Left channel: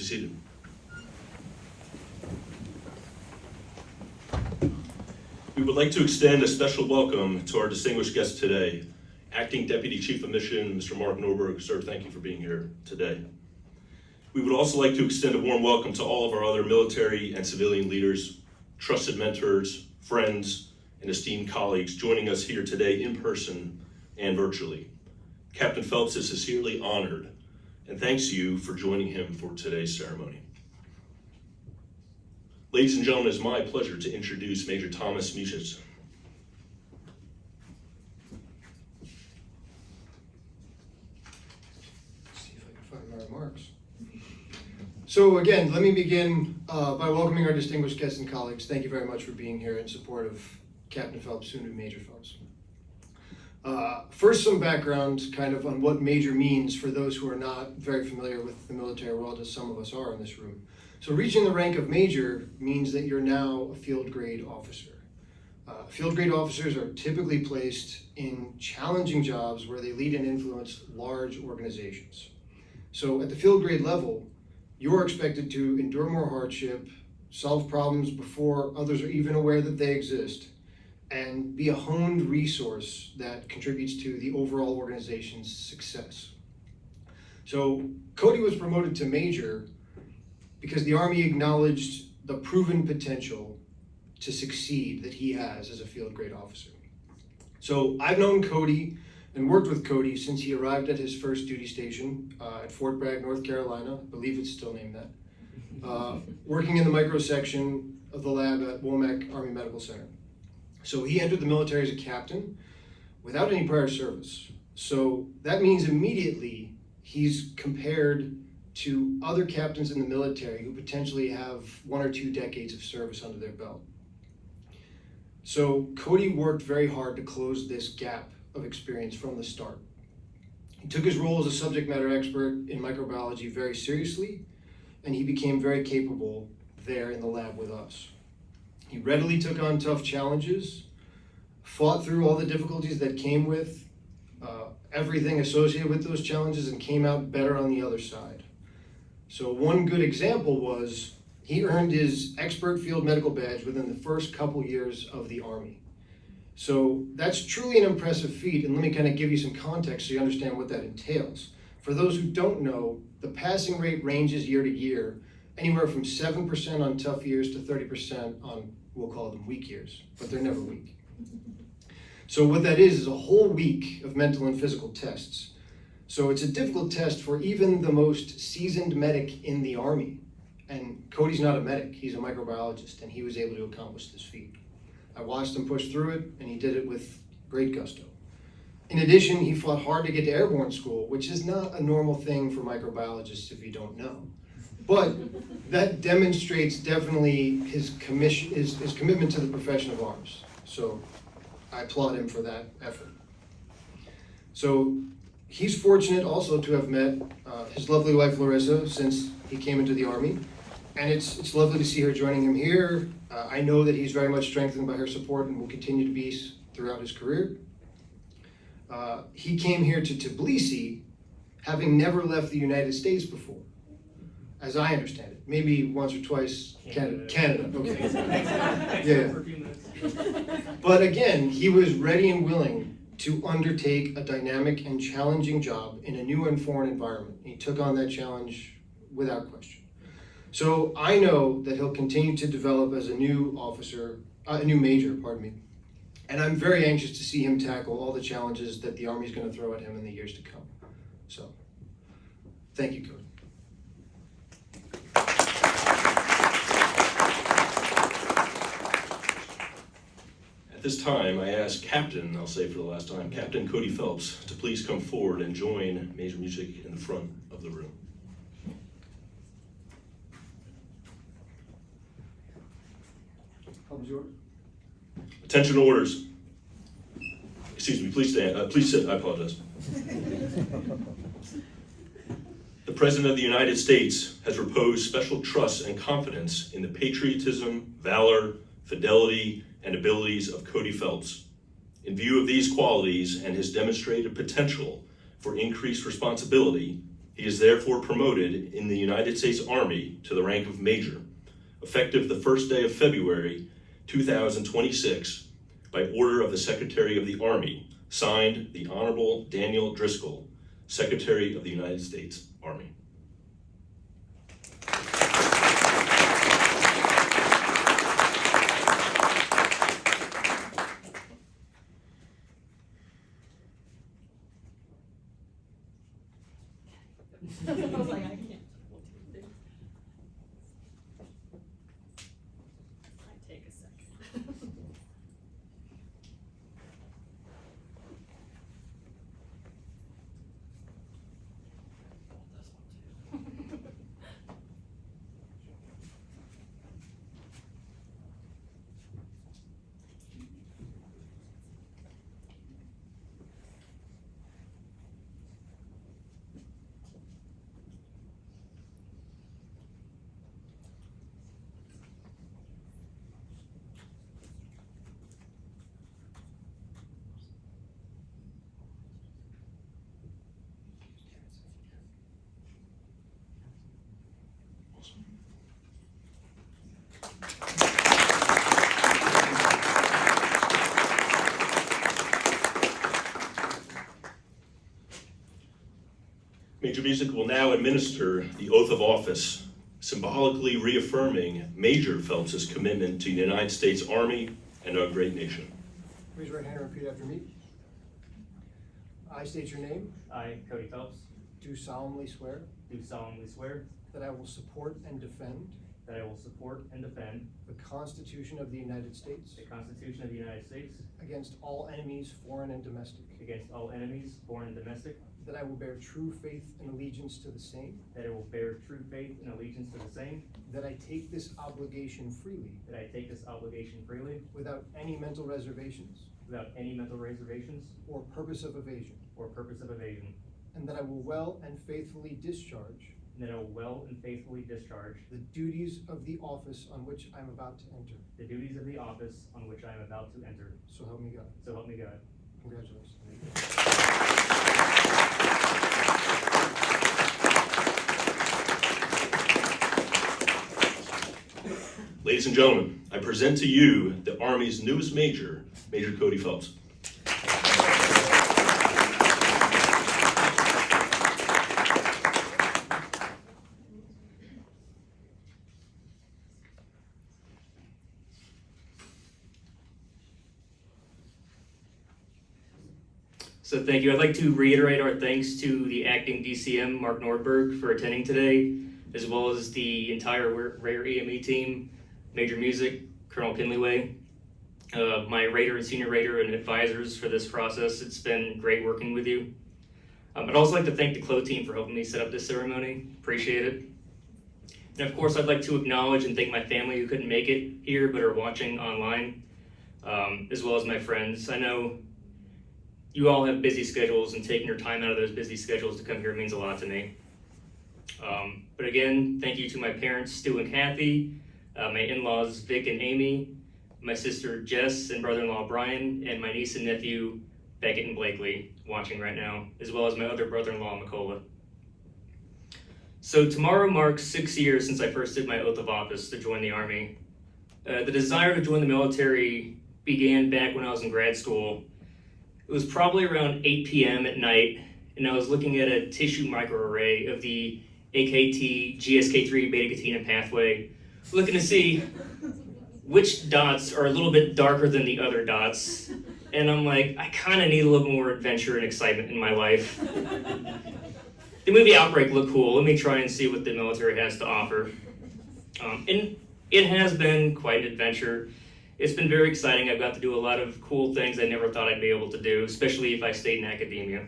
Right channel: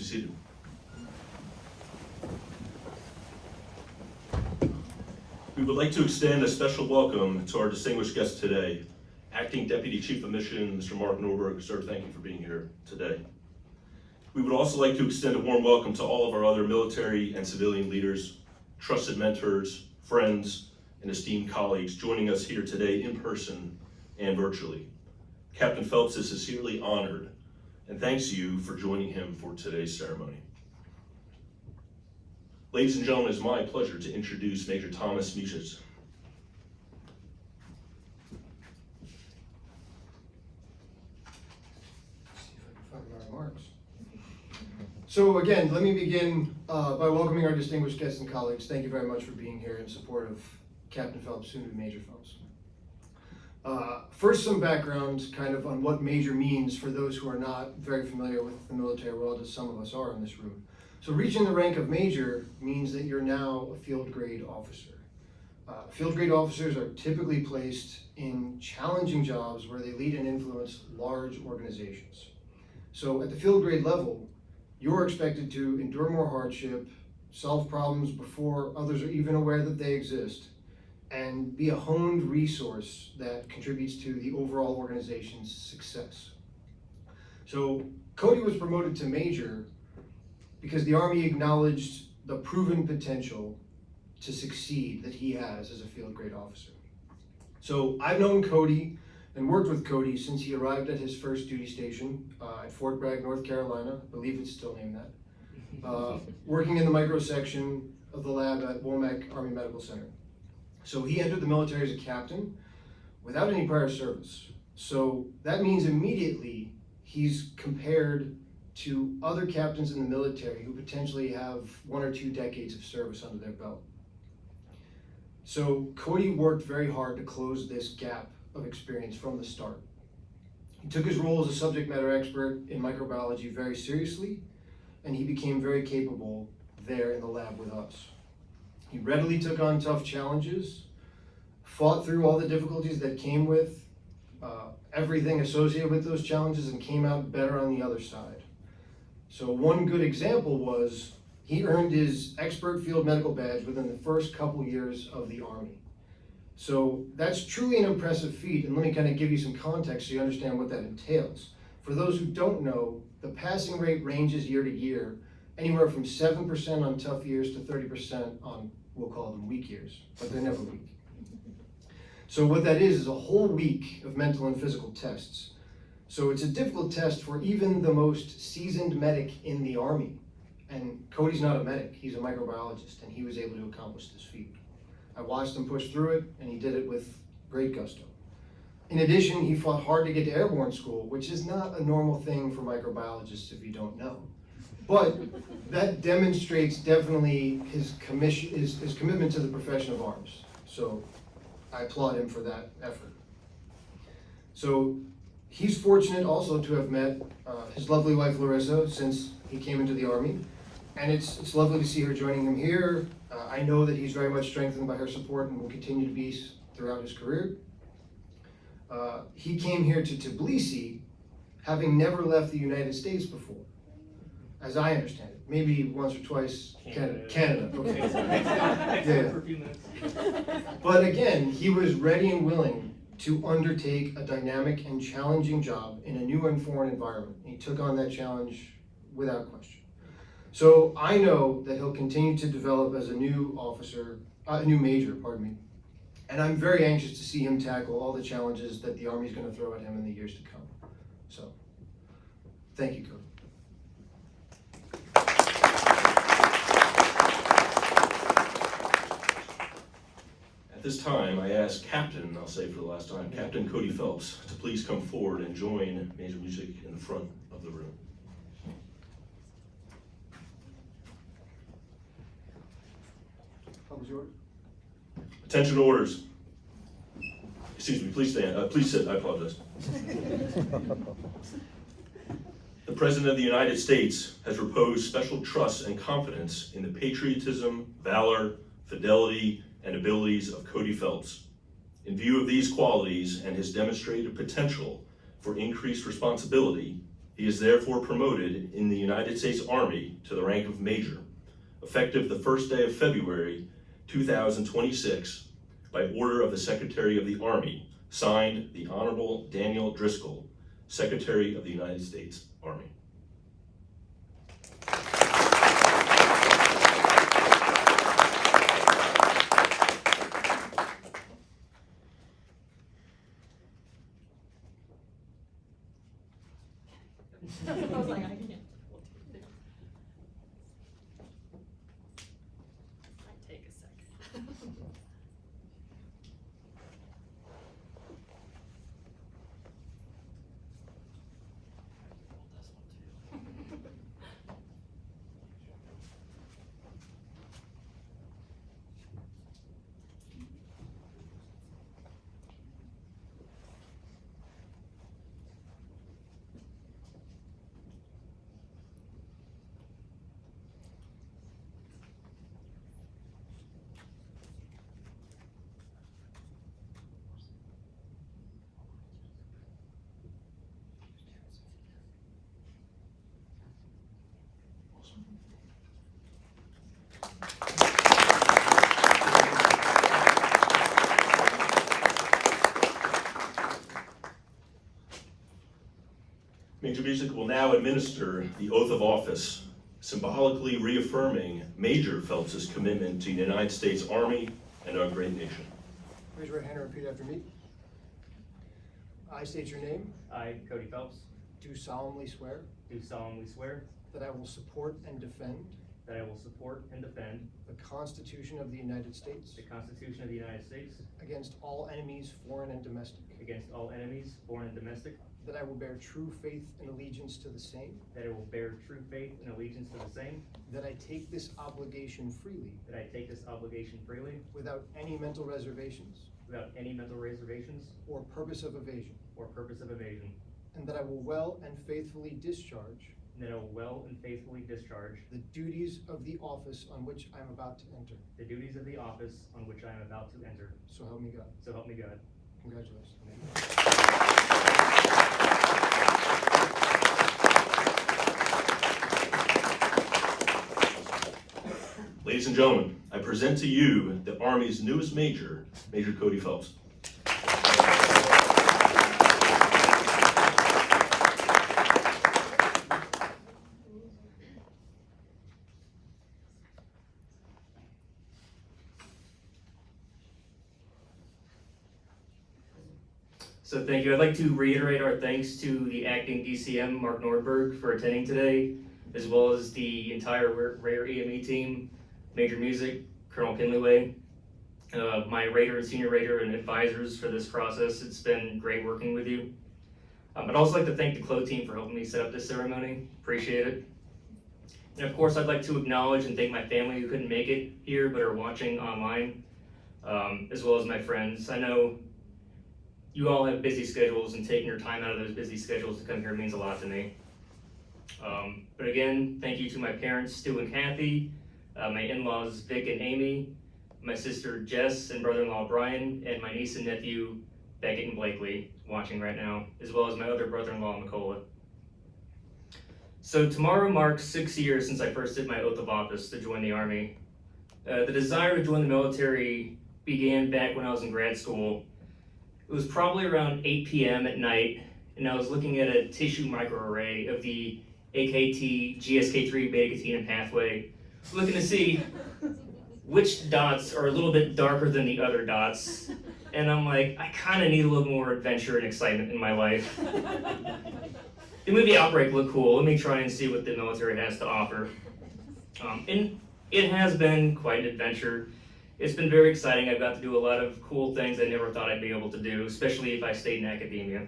be seated. We would like to extend a special welcome to our distinguished guest today, Acting Deputy Chief of Mission, Mr. Mark Norberg. Sir, thank you for being here today. We would also like to extend a warm welcome to all of our other military and civilian leaders, trusted mentors, friends, and esteemed colleagues joining us here today in person and virtually. Captain Phelps is sincerely honored and thanks you for joining him for today's ceremony. Ladies and gentlemen, it's my pleasure to introduce Major Thomas Mucic. See if I can find my remarks. So again, let me begin by welcoming our distinguished guests and colleagues. Thank you very much for being here in support of Captain Phelps, soon to be Major Phelps. First, some background kind of on what major means for those who are not very familiar with the military world, as some of us are in this room. So reaching the rank of major means that you're now a field grade officer. Field grade officers are typically placed in challenging jobs where they lead and influence large organizations. So at the field grade level, you're expected to endure more hardship, solve problems before others are even aware that they exist, and be a honed resource that contributes to the overall organization's success. So Cody was promoted to major because the Army acknowledged the proven potential to succeed that he has as a field grade officer. So I've known Cody and worked with Cody since he arrived at his first duty station at Fort Bragg, North Carolina. I believe it's still named that. Working in the micro section of the lab at Womack Army Medical Center. So he entered the military as a captain without any prior service. So that means immediately he's compared to other captains in the military who potentially have 1 or 2 decades of service under their belt. So Cody worked very hard to close this gap of experience from the start. He took his role as a subject matter expert in microbiology very seriously, and he became very capable there in the lab with us. He readily took on tough challenges, fought through all the difficulties that came with everything associated with those challenges, and came out better on the other side. So one good example was he earned his expert field medical badge within the first couple years of the Army. So that's truly an impressive feat, and let me kind of give you some context so you understand what that entails. For those who don't know, the passing rate ranges year to year, anywhere from 7% on tough years to 30% on, we'll call them weak years, but they're never weak. So what that is a whole week of mental and physical tests. So it's a difficult test for even the most seasoned medic in the Army. And Cody's not a medic, he's a microbiologist, and he was able to accomplish this feat. I watched him push through it, and he did it with great gusto. In addition, he fought hard to get to airborne school, which is not a normal thing for microbiologists if you don't know. But that demonstrates definitely his commitment to the profession of arms. So I applaud him for that effort. So he's fortunate also to have met his lovely wife Larissa since he came into the Army. And it's lovely to see her joining him here. I know that he's very much strengthened by her support and will continue to be throughout his career. He came here to Tbilisi having never left the United States before, as I understand it. Maybe once or twice, Canada, okay. Yeah. But again, he was ready and willing to undertake a dynamic and challenging job in a new and foreign environment. He took on that challenge without question. So I know that he'll continue to develop as a new major, and I'm very anxious to see him tackle all the challenges that the Army is going to throw at him in the years to come. So, thank you, Cody. At this time, I ask Captain, I'll say for the last time, Captain Cody Phelps to please come forward and join Major Mucic in the front of the room. Attention orders. Excuse me, please stand. Please sit, I apologize. The President of the United States has reposed special trust and confidence in the patriotism, valor, fidelity, and abilities of Cody Phelps. In view of these qualities and his demonstrated potential for increased responsibility, He is therefore promoted in the United States Army to the rank of Major, effective the first day of February 2026, by order of the Secretary of the Army, signed the Honorable Daniel Driscoll, Secretary of the United States Army. I was like, I can't. Might take a second. Major Music will now administer the oath of office, symbolically reaffirming Major Phelps' commitment to the United States Army and our great nation. Raise your right hand and repeat after me. I state your name, I, Cody Phelps, do solemnly swear do solemnly swear that I will support and defend that I will support and defend the Constitution of the United States the Constitution of the United States against all enemies, foreign and domestic, against all enemies, foreign and domestic, that I will bear true faith and allegiance to the same, that I will bear true faith and allegiance to the same, that I take this obligation freely that I take this obligation freely without any mental reservations without any mental reservations or purpose of evasion, or purpose of evasion, and that I will well and faithfully discharge and that I will well and faithfully discharge the duties of the office on which I'm about to enter. the duties of the office on which I am about to enter. So help me God. So help me God. Congratulations. Ladies and gentlemen, I present to you the Army's newest Major, Major Cody Phelps. So thank you. I'd like to reiterate our thanks to the acting DCM, Mark Nordberg, for attending today, as well as the entire Rare EME team, Major Music, Colonel Kinleyway, my Raider and Senior Raider and advisors for this process. It's been great working with you. I'd also like to thank the CLO team for helping me set up this ceremony. Appreciate it. And of course, I'd like to acknowledge and thank my family who couldn't make it here but are watching online, as well as my friends. I know you all have busy schedules, and taking your time out of those busy schedules to come here means a lot to me. But again, thank you to my parents, Stu and Kathy, my in-laws, Vic and Amy, my sister Jess and brother-in-law Brian, and my niece and nephew, Beckett and Blakely, watching right now, as well as my other brother-in-law, Macola. So tomorrow marks 6 years since I first did my oath of office to join the Army. The desire to join the military began back when I was in grad school. It was probably around 8 p.m. at night, and I was looking at a tissue microarray of the AKT GSK3 beta-catenin pathway, looking to see which dots are a little bit darker than the other dots. And I'm like, I kind of need a little more adventure and excitement in my life. The movie Outbreak looked cool. Let me try and see what the military has to offer. And it has been quite an adventure. It's been very exciting. I've got to do a lot of cool things I never thought I'd be able to do, especially if I stayed in academia.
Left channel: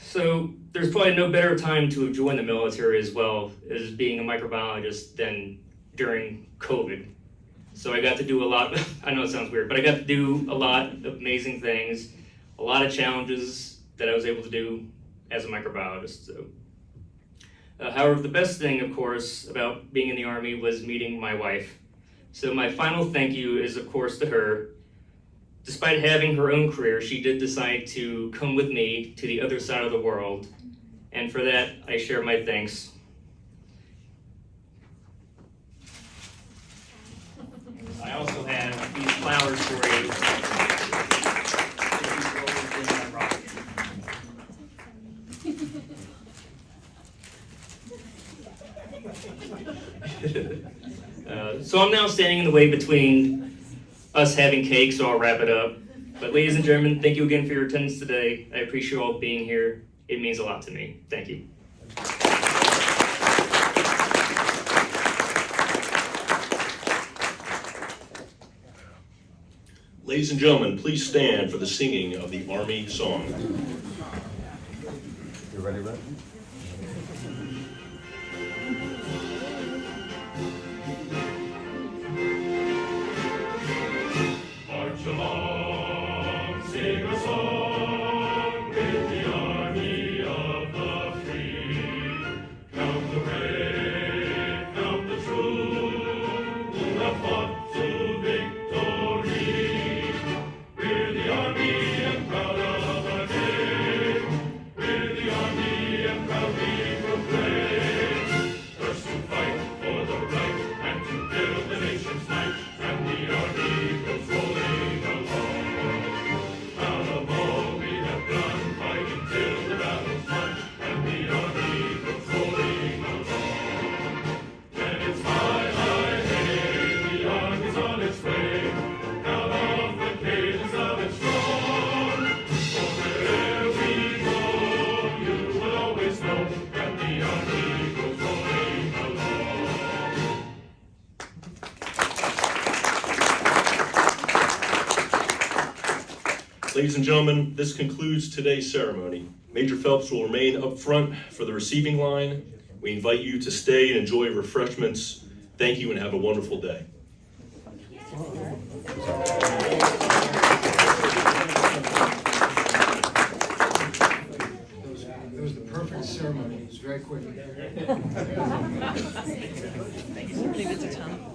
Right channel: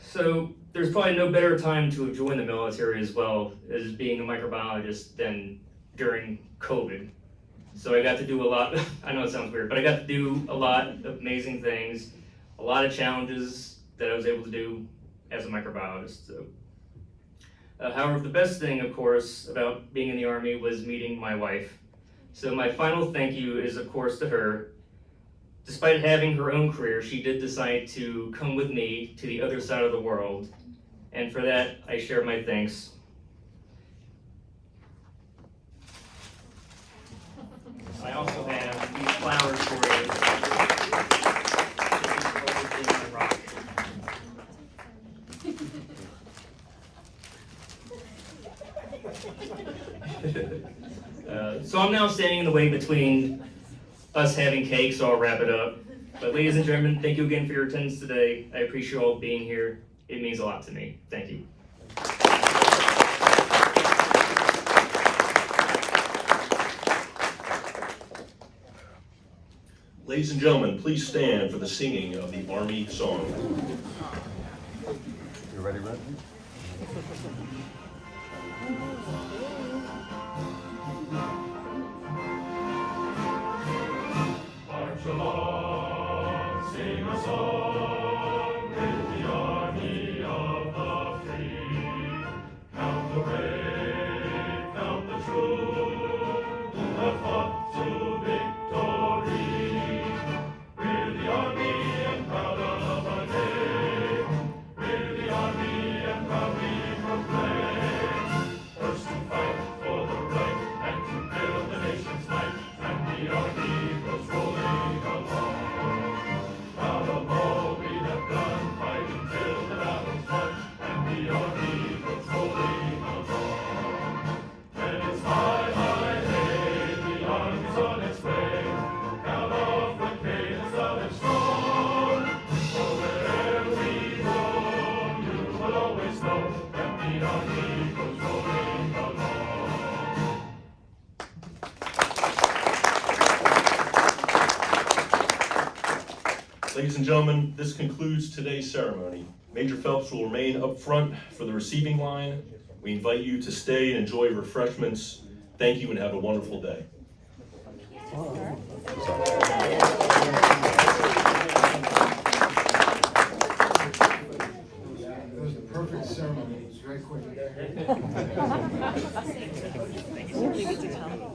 So there's probably no better time to have joined the military as well as being a microbiologist than during COVID. So I got to do a lot, I know it sounds weird, but I got to do a lot of amazing things, a lot of challenges that I was able to do as a microbiologist. So, however, the best thing, of course, about being in the Army was meeting my wife. So my final thank you is, of course, to her. Despite having her own career, she did decide to come with me to the other side of the world and for that, I share my thanks. I also have these flowers for you. These roses in my rock. So I'm now standing in the way between us having cake, so I'll wrap it up. But ladies and gentlemen, thank you again for your attendance today. I appreciate you all being here. It means a lot to me. Thank you. Ladies and gentlemen, please stand for the singing of the Army Song. You ready, Red? March along, sing a song with the army of the free. Count the brave, count the true, who have fought to victory. We're the army and proud of our name. We're the army and proudly proclaim. First to fight for the right and to build the nation's might. And the army goes rolling along. Proud of all we have done, fighting till the battle's won. And the army goes rolling along. And it's high, high, hey, the army's on its way. Proud of the cadence of its song. For wherever we go, you will always know that the army goes rolling along. Ladies and gentlemen, this concludes today's ceremony. Major Phelps will remain up front for the receiving line. We invite you to stay and enjoy refreshments. Thank you and have a wonderful day. That was the perfect ceremony. It was very quick. Leave it to Tom.